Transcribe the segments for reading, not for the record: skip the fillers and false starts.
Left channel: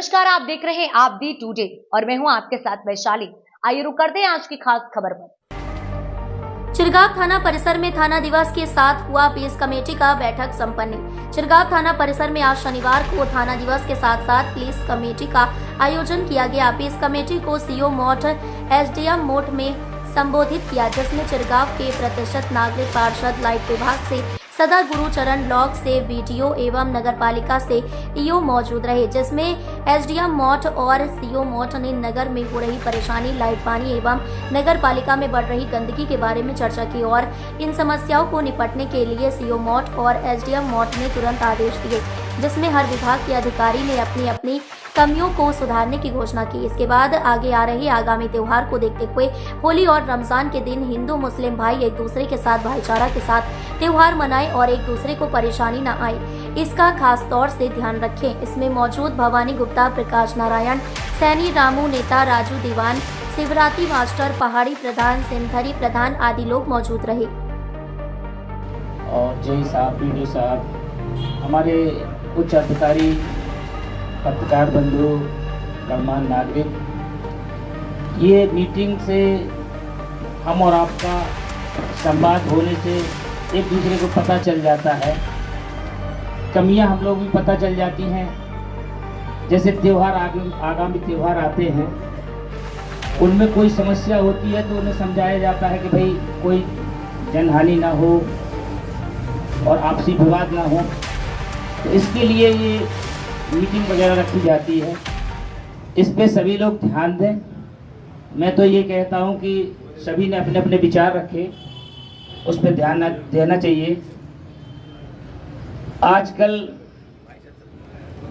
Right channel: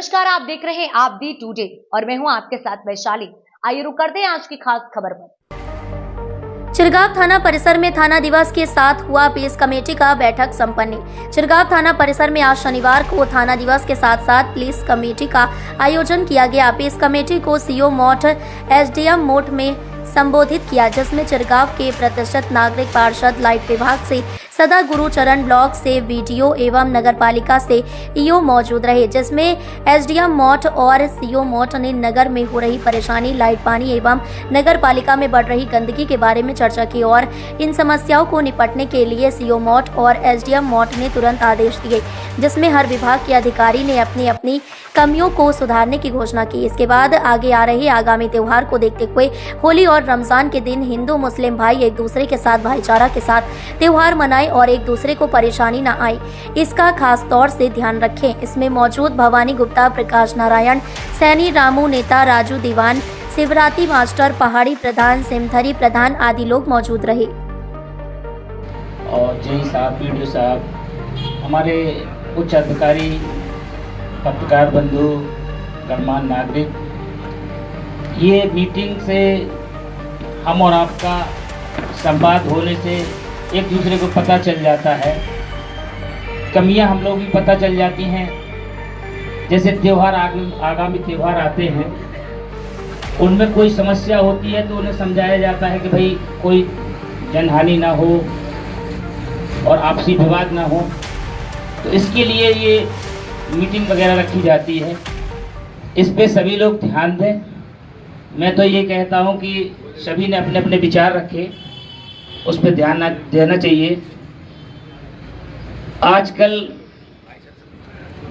नमस्कार, आप देख रहे हैं आप दी टुडे और मैं हूं आपके साथ वैशाली। आइए रुक करते हैं आज की खास खबर पर। चिरगांव थाना परिसर में थाना दिवस के साथ हुआ पीस कमेटी का बैठक संपन्न। चिरगांव थाना परिसर में आज शनिवार को थाना दिवस के साथ साथ पुलिस कमेटी का आयोजन किया गया। पीस कमेटी को सीओ मोट एसडीएम मोट में संबोधित किया, जिसमें चिरगांव के प्रतिष्ठित नागरिक पार्षद, लाइट विभाग से सदा गुरुचरण, ब्लॉक से वीडियो एवं नगरपालिका से ईओ मौजूद रहे, जिसमें एसडीएम मोट और सीओ मोट ने नगर में हो रही परेशानी, लाइट, पानी एवं नगरपालिका में बढ़ रही गंदगी के बारे में चर्चा की और इन समस्याओं को निपटने के लिए सीओ मोट और एसडीएम मोट ने तुरंत आदेश दिए, जिसमें हर विभाग के अधिकारी ने अपनी अपनी कमियों को सुधारने की घोषणा की। इसके बाद आगे आ रहे आगामी त्योहार को देखते हुए होली और रमजान के दिन हिंदू मुस्लिम भाई एक दूसरे के साथ भाईचारा के साथ त्योहार मनाएं और एक दूसरे को परेशानी न आए, इसका खास तौर से ध्यान रखें। इसमें मौजूद भवानी गुप्ता, प्रकाश नारायण सैनी, रामू नेता, राजू दीवान, शिवराती मास्टर, पहाड़ी प्रधान, सिमथरी प्रधान आदि लोग मौजूद रहे। और जय साहब, पीडीओ साहब, हमारे उच्च अधिकारी, पत्रकार बंधु, गणमान्य नागरिक, ये मीटिंग से हम और आपका संवाद होने से एक दूसरे को पता चल जाता है, कमियां हम लोग भी पता चल जाती हैं। जैसे त्योहार आगामी त्योहार आते हैं, उनमें कोई समस्या होती है तो उन्हें समझाया जाता है कि भाई कोई जनहानि ना हो और आपसी विवाद ना हो, तो इसके लिए ये मीटिंग वगैरह रखी जाती है। इस पे सभी लोग ध्यान दें। मैं तो ये कहता हूँ कि सभी ने अपने अपने विचार रखे, उस पर ध्यान देना चाहिए। आजकल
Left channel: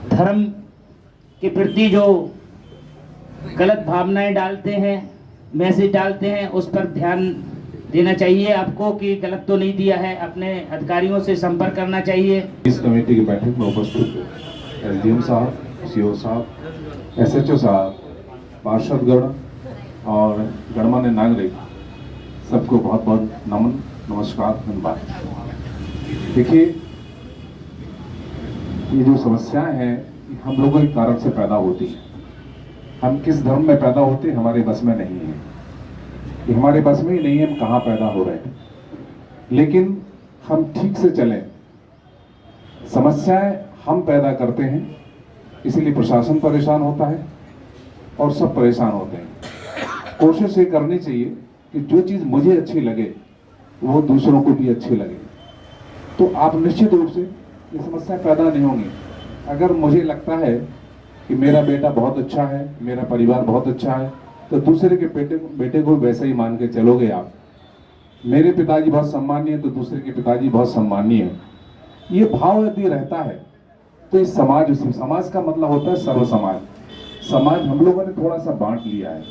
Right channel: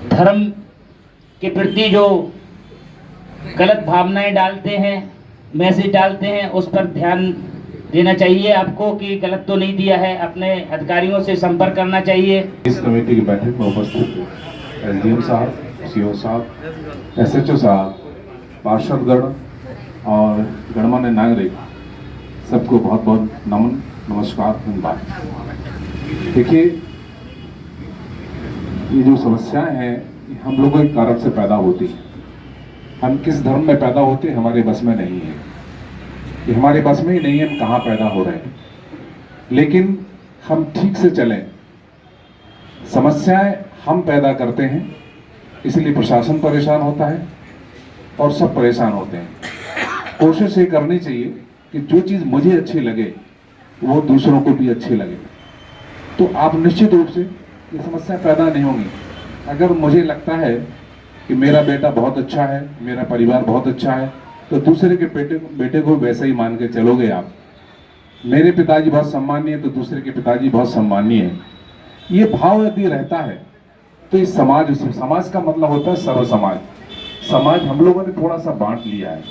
धर्म के प्रति जो गलत भावनाएं डालते हैं, मैसेज डालते हैं, उस पर ध्यान देना चाहिए आपको कि गलत तो नहीं दिया है। अपने अधिकारियों से संपर्क करना चाहिए। इस कमेटी की बैठक में उपस्थित एसडीएम साहब, सीओ साहब, एसएचओ साहब, पार्षदगण और गणमान्य नागरिक, सबको बहुत बहुत नमन, नमस्कार, धन्यवाद। देखिए, ये जो समस्याएं हैं हम लोगों के कारण से पैदा होती हैं। हम किस धर्म में पैदा होते हैं हमारे बस में नहीं है, ये हमारे बस में ही नहीं है हम कहाँ पैदा हो रहे हैं। लेकिन हम ठीक से चलें। समस्याएं हम पैदा करते हैं, इसलिए प्रशासन परेशान होता है और सब परेशान होते हैं। कोशिश ये करनी चाहिए कि जो चीज़ मुझे अच्छी लगे वो दूसरों को भी अच्छी लगे, तो आप निश्चित रूप से ये समस्या पैदा नहीं होंगी। अगर मुझे लगता है कि मेरा बेटा बहुत अच्छा है, मेरा परिवार बहुत अच्छा है, तो दूसरे के बेटे को वैसा ही मान के चलोगे आप। मेरे पिताजी बहुत सम्मानीय है तो दूसरे के पिताजी बहुत सम्मानीय है, ये भाव यदि रहता है तो इस समाज का मतलब होता है सर्व समाज। समाज हम लोगों ने थोड़ा सा बांट लिया है,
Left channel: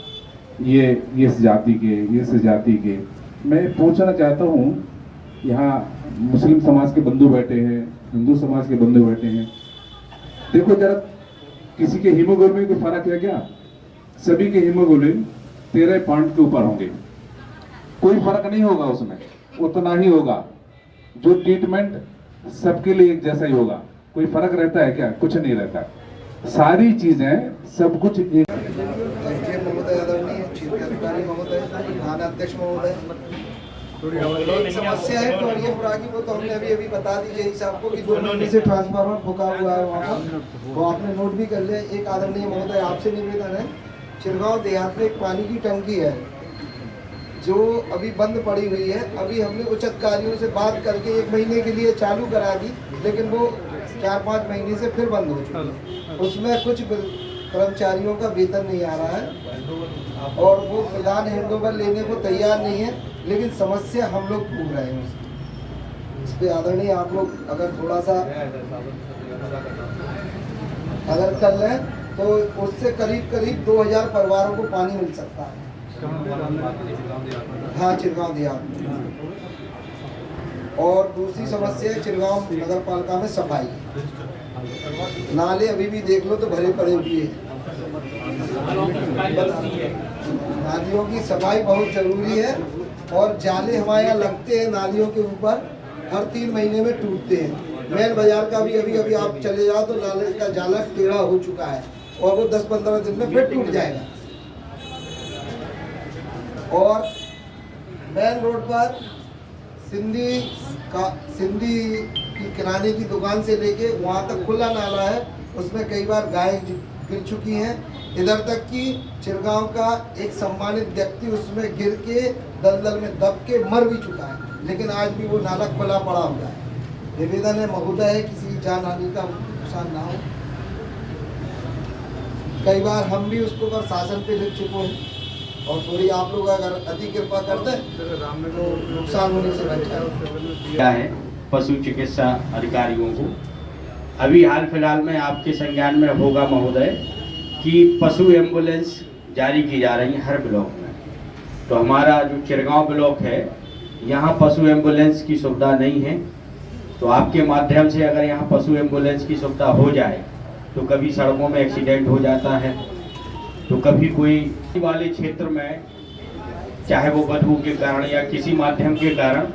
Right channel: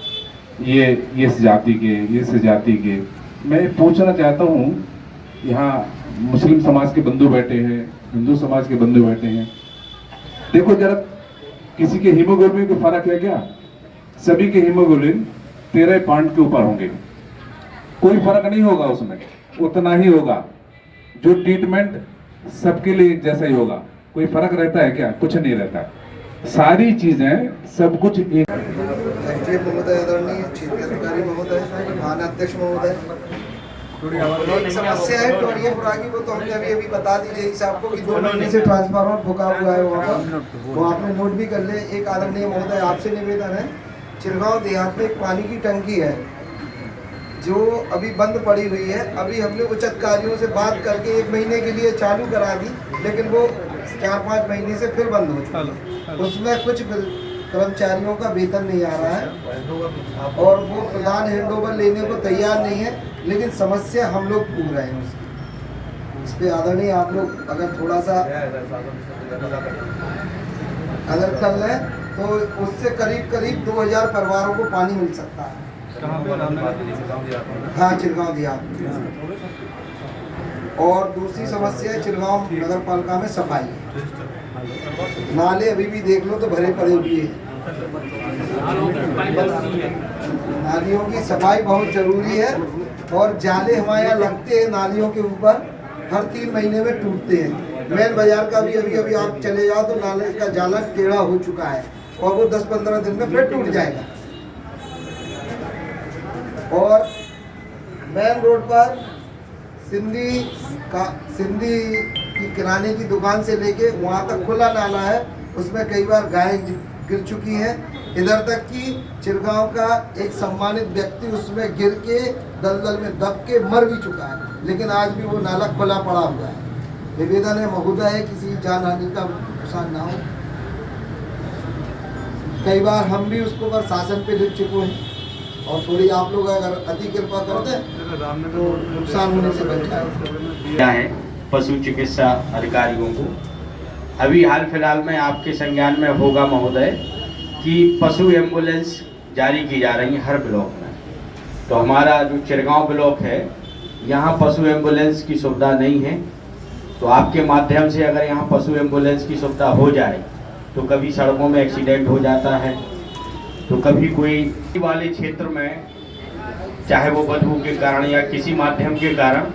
ये इस जाति के, ये इस जाति के। मैं पूछना चाहता हूँ, यहाँ मुस्लिम समाज के बंधु बैठे हैं, हिंदू समाज के बंधु बैठे हैं, देखो जरा किसी के हीमोग्लोबिन को फर्क है क्या? सभी के हीमोग्लोबिन 13 पॉइंट के ऊपर होंगे, कोई फर्क नहीं होगा उसमें, उतना ही होगा। जो ट्रीटमेंट सबके लिए एक जैसा ही होगा, कोई फर्क रहता है क्या? कुछ नहीं रहता, सारी चीजें सब कुछ एक। महोदय, आदरणीय क्षेत्रीय अधिकारी महोदय, थाना अध्यक्ष महोदय, एक समस्या है टोरियापुरा की, वो तो हमने अभी बता दी जय साहब को कि 2 महीने से ट्रांसफार्मर फूका हुआ है वहाँ पर, वो आपने नोट भी कर लिया। एक आदरणीय महोदय आपसे निवेदन है, चिरगांव देहात में एक पानी की टंकी है जो अभी बंद पड़ी हुई है। अभी हमने उच्च अधिकारियों से बात करके 1 महीने के लिए चालू करा दी, लेकिन वो 4-5 महीने से फिर बंद हो चुकी है। उसमें कुछ कर्मचारियों का वेतन नहीं आ रहा है और वो प्रधान हैंडओवर लेने को तैयार नहीं है, लेकिन समस्या हम लोग भूल रहे हैं उसकी। इस पे आदरणीय आप लोग अगर थोड़ा सा अगर कर लें तो उससे करीब 2000 परिवारों को पानी मिल सकता है। हाँ, चिरगांव दिया। और दूसरी समस्या है चिरगांव नगर पालिका में सफाई। नाले अभी भी देख लो तो भरे पड़े हुए हैं। नालियों की सफाई बहुत जरूरी है और जाले हमारे यहाँ लगते हैं नालियों के ऊपर, हर 3 महीने में टूटते हैं। मेन बाजार का भी अभी आप चले जाओ तो नाले का जाला टेढ़ा हो चुका है, और वो 10-15 दिन में फिर टूट जाएगा। और मेन रोड पर सिंधी की किराने की दुकान से लेके वहाँ तक खुला नाला है, उसमें कई बार गाय गिर चुकी हैं। इधर तक कि चिरगांव का एक सम्मानित व्यक्ति उसमें गिर के दलदल में दब के मर भी चुका है, लेकिन आज भी वो नाला खुला पड़ा हुआ है। निवेदन है महोदय, किसी जान हानि का नुकसान ना हो। कई बार हम भी उसको प्रशासन पे लिख चुके हैं और थोड़ी आप लोग अगर अति कृपा करते हैं तो नुकसान होने से बच जाए। है पशु चिकित्सा अधिकारियों को अभी हाल फिलहाल में आपके संज्ञान में होगा महोदय कि पशु एम्बुलेंस जारी की जा रही है हर ब्लॉक में। तो हमारा जो चिरगांव ब्लॉक है यहाँ पशु एम्बुलेंस की सुविधा नहीं है, तो आपके माध्यम से अगर यहाँ पशु एम्बुलेंस की सुविधा हो जाए तो कभी सड़कों में एक्सीडेंट हो जाता है, तो कभी कोई वाले क्षेत्र में चाहे वो बदबू के कारण या किसी माध्यम के कारण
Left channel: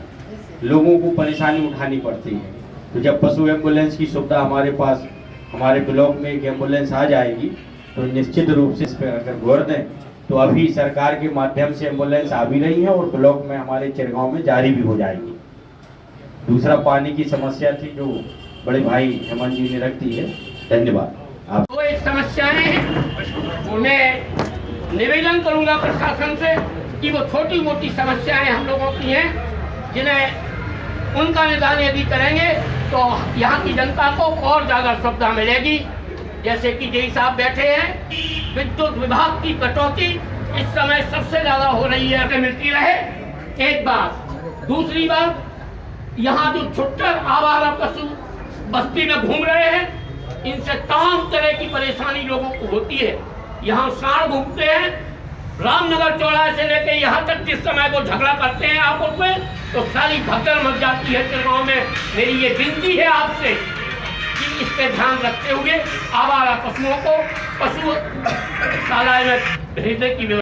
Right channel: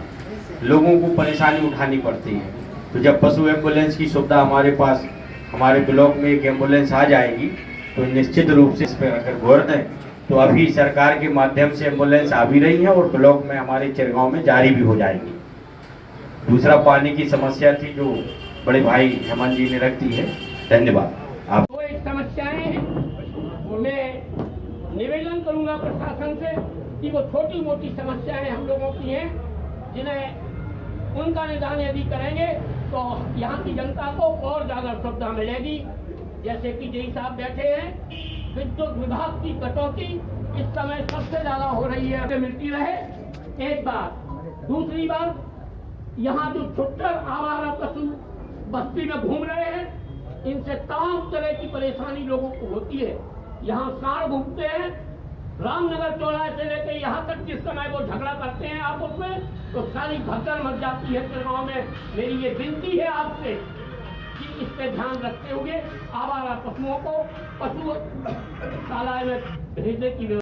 लोगों को परेशानी उठानी पड़ती है। तो जब पशु एम्बुलेंस की सुविधा हमारे पास हमारे ब्लॉक में एक एम्बुलेंस आ जाएगी तो निश्चित रूप से इस पर अगर गौर दें तो अभी सरकार के माध्यम से एम्बुलेंस आ भी रही है और ब्लॉक में हमारे चिरगांव में जारी भी हो जाएंगी। दूसरा पानी की समस्या थी जो बड़े भाई हेमंत जी ने रख दी है। धन्यवाद। आप वो एक समस्याएं हैं, मैं निवेदन करूंगा प्रशासन से कि वो छोटी मोटी समस्याएं हम लोगों की हैं जिन्हें उनका निदान यदि करेंगे तो यहाँ की जनता को और ज़्यादा सुविधा मिलेगी। जैसे कि जय साहब बैठे हैं, विद्युत विभाग की कटौती इस समय सबसे ज़्यादा हो रही है, मिलती रहे एक बात। दूसरी बात, यहाँ जो छुट्टर आवारा पशु बस्ती में घूम रहे हैं, इनसे तमाम तरह की परेशानी लोगों को होती है। यहाँ सांड घूमते हैं, रामनगर चौराहे से लेकर यहाँ तक जिस समय वो झगड़ा करते हैं आपस में तो सारी भगदड़ मच जाती है चिरगांव में। मेरी ये विनती है आपसे कि इस पे ध्यान रखते हुए आवारा पशुओं को पशुशालाएं में भेजने की